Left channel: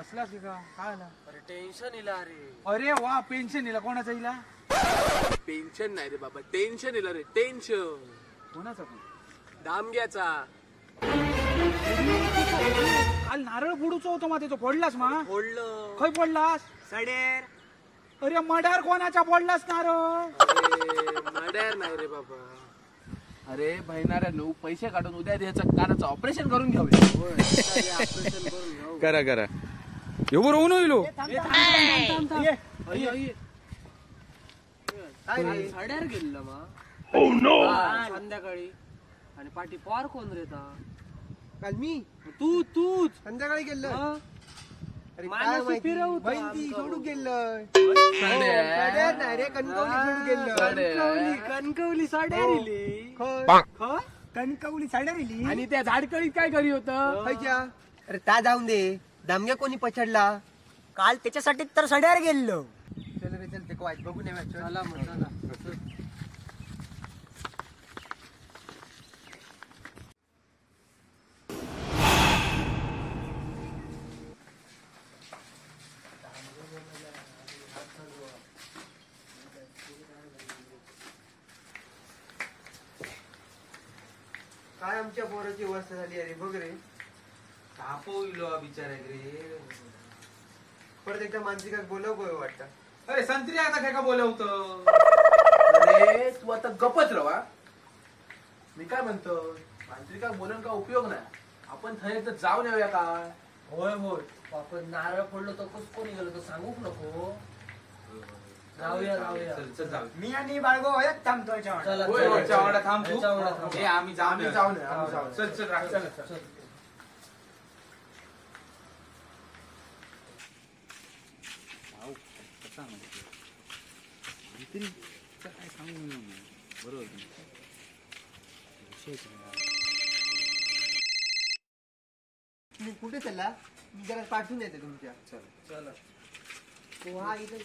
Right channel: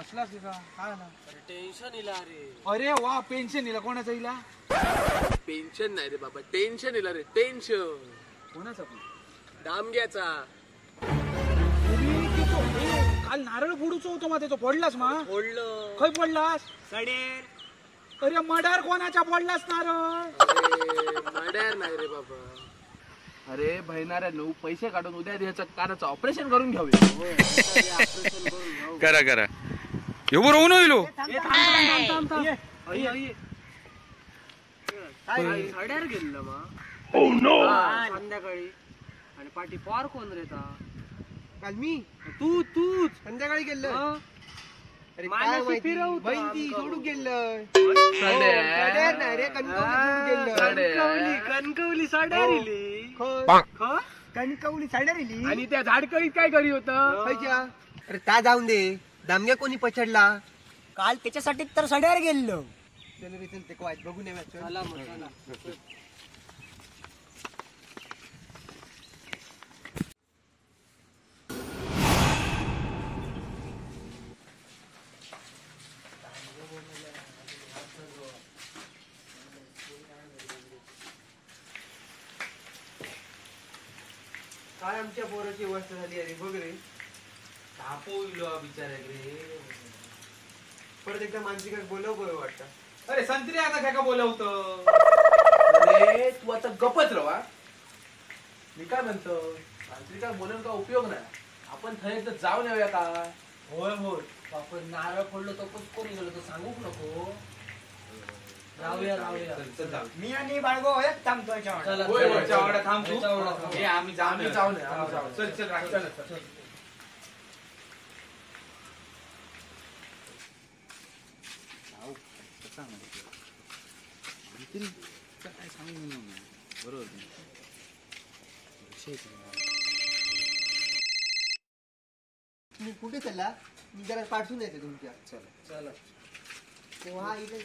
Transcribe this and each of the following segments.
असलास का काय आला? अरे टेन्शन इला रे. अरे वा पेन्शन इला कोणाचा इला? पेन्शन नाही रे बाबा, टेन्शन इला रे, टेन्शन. कोणाचा पण? दामग्याचा. काल नारळ फोडूचो होतो मा तो पडलास मा? फोडलं. खय पडलास? सडेर. अरे मडार कोणाच्या पडलास नारळ? मड्यार नाही रे बाबा. अरे बहिणाऱ्या लो पैसे काढून उद्या द्यायचं कानाचं ऑपरेशन करून घेऊया. ऑपरेशन करून घेऊ. करा करा एवढं होऊन होईल सड्यार गेलं मा. संध्याकाळी. आणि पाठी पार कोण रे ता? काल मी तूच संध्याकाळी गेलं. अरे काय मानसी माहिती फिरवतो बहीण ती आमका. सोडून गेलं. सड्या. सड्यार नाही रे कणकवली सोडून गेलं. कणकवली सड्यार इली. खय? कणकवली साड्या रिली. आणि त्या झाडकळीत काय करी होतं? खयच्या? अरे त्या जाऊन दे. दामग्या कोणी पछडला? काल त्याच्यासाठी तर सड्यावर गेलो. चल रे चल ते वाट बघून येऊया. चल. चला मग चला. काय आमच्या पोराची अवस्था झाली अरे बघ रे. तापवलो बिचारे रे. परत एकदा मानसिकाक बोलव बोल वाटतं. अरे संत्री आता काय का बोलवतो? अरे तू आता गपत रवा. मी काय म्हणतो तांत्रिका बोलून का उपयोग नाही. आपण थंड जाऊन येऊया का? होय होय. आपण नारळ फोडलो तर कस कोणी गेलो तर सांगूक नको. राहूया राहूया. चल जाऊ. मी आणि बाळगो एक थांबतोय चला होय होय. चला. चावडा थांब तू. चावडा थांब. हे आम्ही जाऊन आम्ही जाऊन येऊ, येऊ. आम्ही जाऊन येऊ. चल चल राख. चल, चल. तुम्ही कुठे चालला? मी जरा पाठवून येते तुमच्या. चला. हा इथे.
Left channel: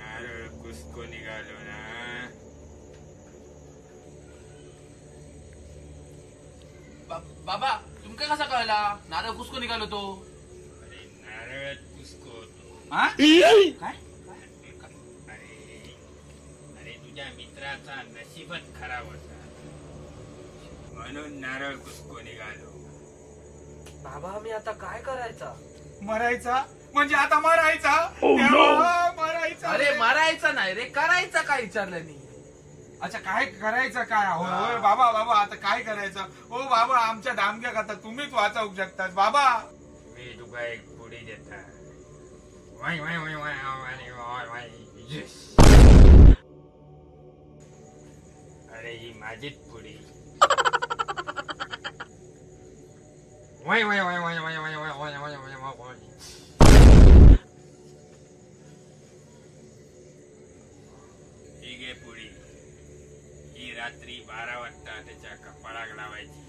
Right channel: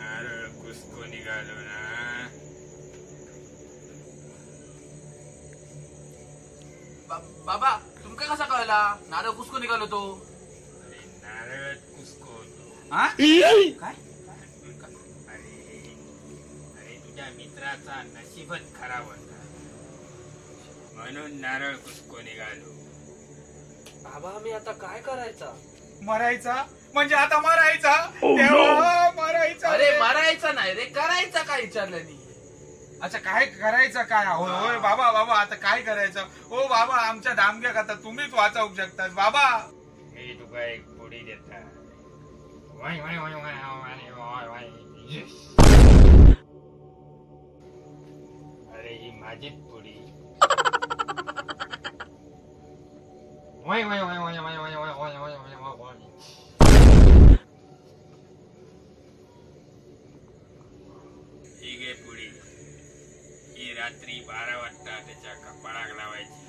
नारळ कुसको निघालो ना. बाबा तुमका कसा कळला नारळ कुसको निघालो तो? अरे नारळ कुसको होतो. हा? काय? अरे तुझ्या मित्राचा नशीबच खराब होता म्हणून नारळ कुसको निघालो. बाबा मी आता काय करायचा? मरायचा म्हणजे आता मरायचा. देवा, मरायचा. अरे मारायचा नाही रे करायचा काय विचारलं नाही. अच्छा काय करायचं काय? होय होय बाबा बाबा आता काय करायचं? ओ बाबा आमच्या दामग्या आता तुम्हीच वाचवू शकतास बाबा. मी तुका एक पुडी देता. वाय वाय वाय वाय वाय वाय वाय. Yes. अरे ही माझीच पुडी. वाय वाय वाय वाय वाय वाय वाय वाय वाय वाय वाय वाय. ही घे पुडी. ही रात्री 12 वाजता त्याच्या कपाळाक लावायची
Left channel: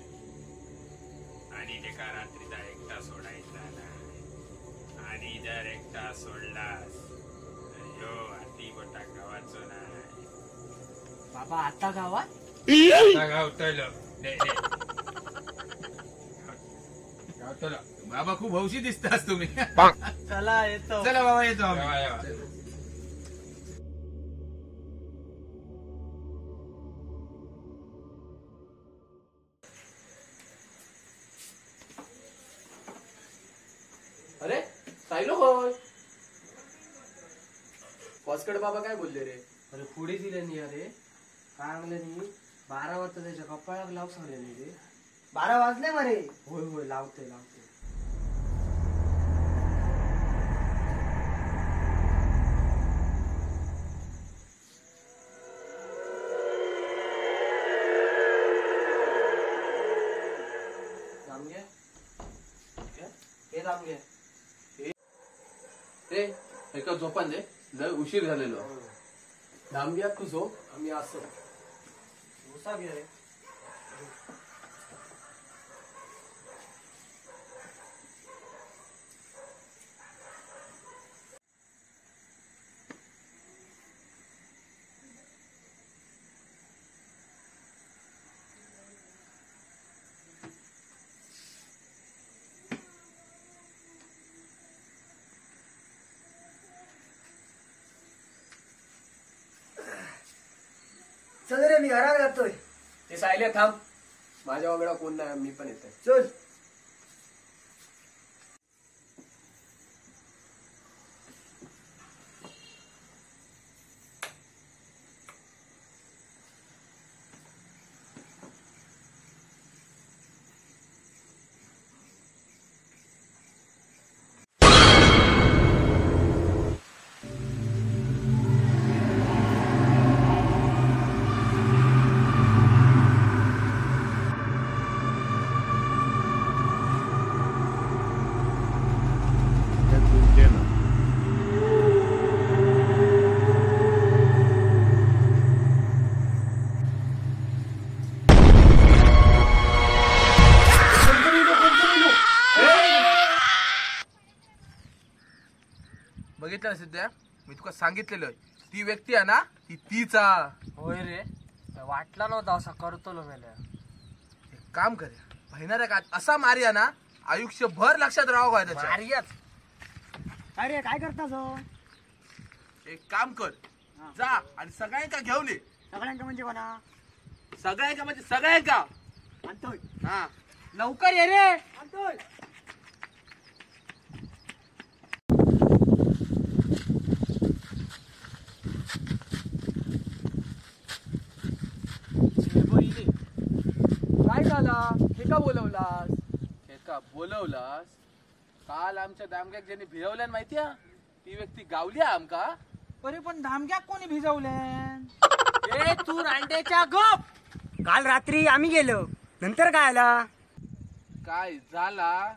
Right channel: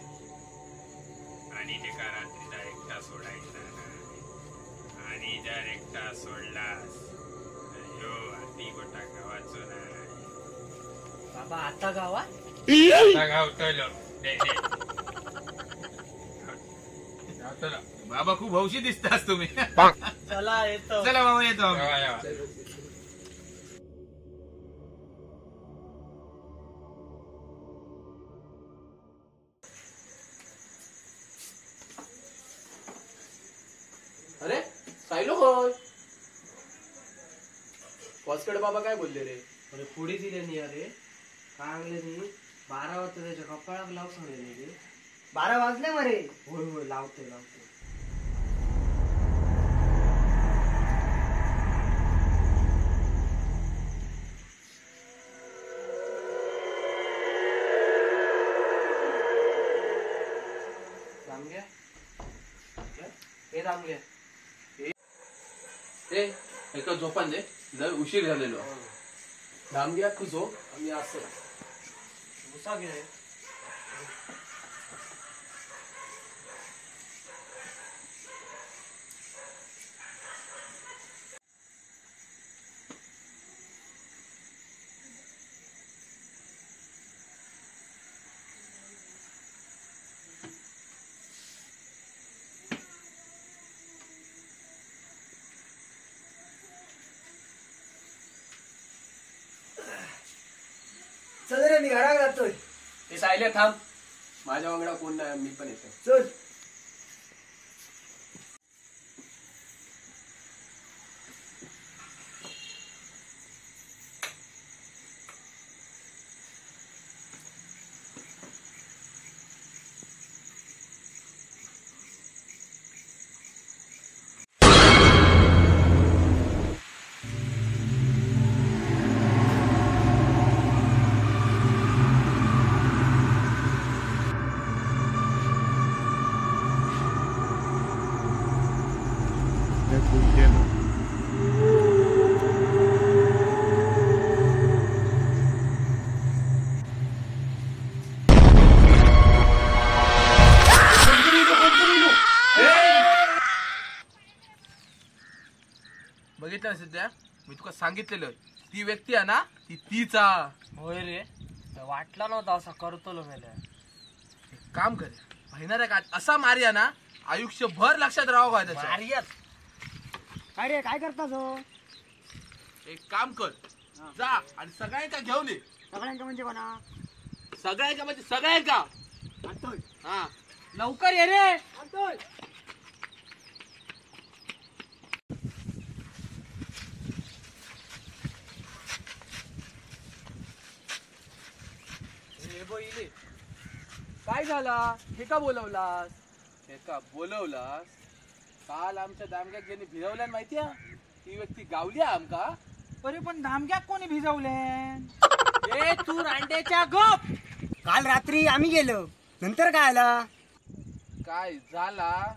आणि त्याका रात्रीचा एकटा सोडायचा नाही. आणि जर एकटा सोडलास तर ह्यो हाती गोटा गावाचो नाही. बाबा आता गावात आता गावतलो. दे दे. गावतलो. बाबा खूप हौशी दिसतास तुम्ही. चला येतो. चला बाबा येतो आम्ही. येवा, येवा. पाहिलं होय. फॉस्कडे बाबा काय बोलले रे? अरे पुढे दिले नाही अरे काय म्हणले नाही 12 वाजता त्याच्या कपाळाक लाव सांगले नाही रे. 12 वाजले मरे. होय होय लावतोय. दामग्या हे दामले ए एका झोपान दे, लय उशीर झालेलो. दामग्या तू झोप, आम्ही असं उसा घे. चल रे मी घरात जातोय. ते सायले थांब, माझ्या वांगडा कोण नाही, मी पण येतो. चल. बघितलं सध्या मी तुका सांगितलेलं, ती व्यक्ती आहे ना ती तीचा. होय रे वाटला नव्हता असा करतो मेल्या. काम करे महिना का असा मारिया ना आयुष्यभर लक्षात राहावं काय त्याच्या. मारियात काय रे काय करतास हो? एक काम कर, जा आणि सगळ्यांका घेऊन ये. सगळ्यांका म्हणजे कोणा? सगळ्यांका म्हणजे सगळ्यांका. आणतोय. हा लवकर ये रे. आणतोय. काय झाला? हे का बोलवलास? एका बोलवलास. काल आमच्या दामग्याक ज्यांनी भिजवल्यान माहितीया, ती व्यक्ती गावली आमका. अरे पण धामक्याक कोणी भिजवले? ए तू रांडेच्या गप. काल रात्री आम्ही गेलो, नंतर काय आला? काय झाला?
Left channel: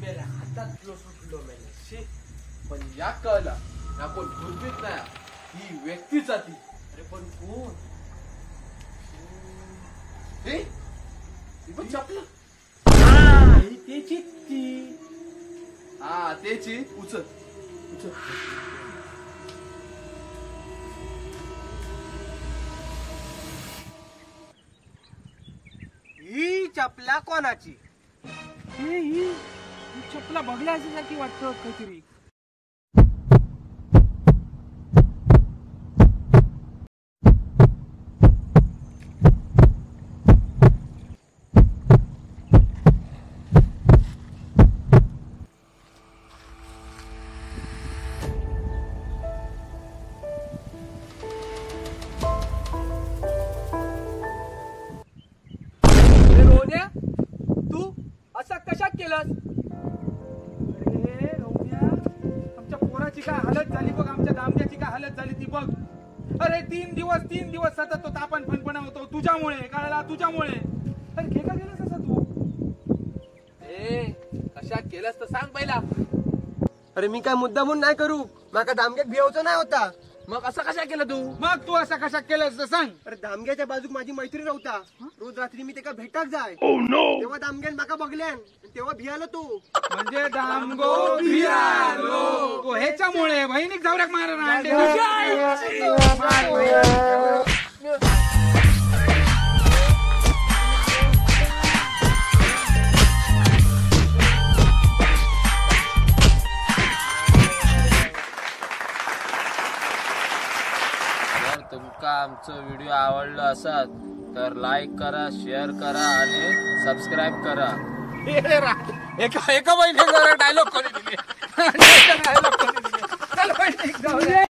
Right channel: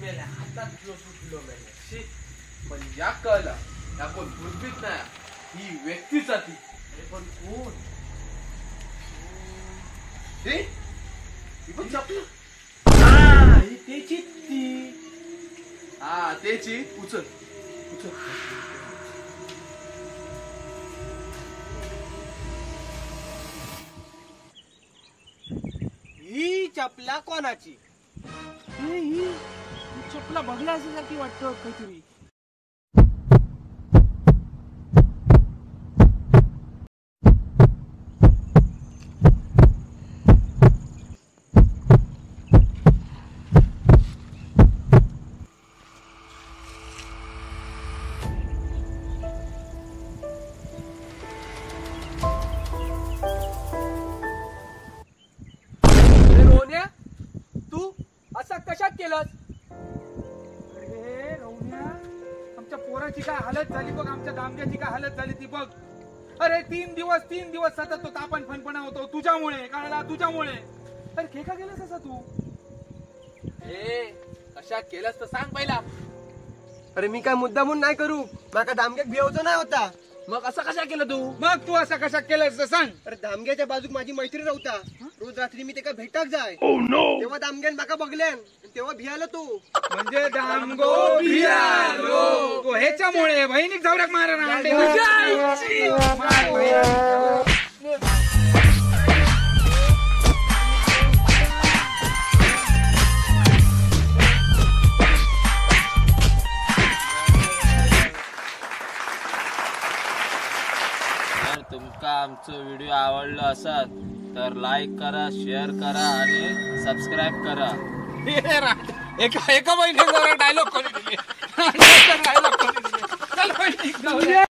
मेल्या हातात सुटलो मेल्या. शी, पण या कळला या कोण भुरबीत नाही, ही व्यक्तीचा ती. अरे पण कोण? हे ही पण चपला. ही त्याची ती. हा त्याची. उचल उचल. ही चपला कोणाची? ही चपला बघला असेल की वाटतं काहीतरी. तू असा कशा केलास? अरे रौद्या, आमच्या पोराची काय हालत झाली बघ, आमच्या दामग्याची काय हालत झाली ती बघ. अरे 3 दिवस सतत तो तापण फणफणा होतो तुझ्यामुळे. कळला? तुझ्यामुळे. अरे घे का गेलास असा तू? ए कशा केलंस तर सांग पहिला. अरे मी काय मुद्दा म्हणून नाही करू, माका दामग्याक भिवचा नाही होता. मग असं कशा केलं तू? मग तू असं कशा केलंस तर सांग. अरे दामग्याच्या बाजूक माझी मैत्रीण राहता. रोज रात्री मी त्याका भेटाक जाय. तेव्हा दामग्यान माका बघल्यान, तेव्हा भियालो तू. म्हणजे दामगो भियालो. तो ह्याच्यामुळे बहिणीक जावराक मारा. का आमचं व्हिडिओ आवडलं असत तर लाईक करा, शेअर करा आणि सबस्क्राईब करा. एका महिन्यात डायलॉग कोणी दिले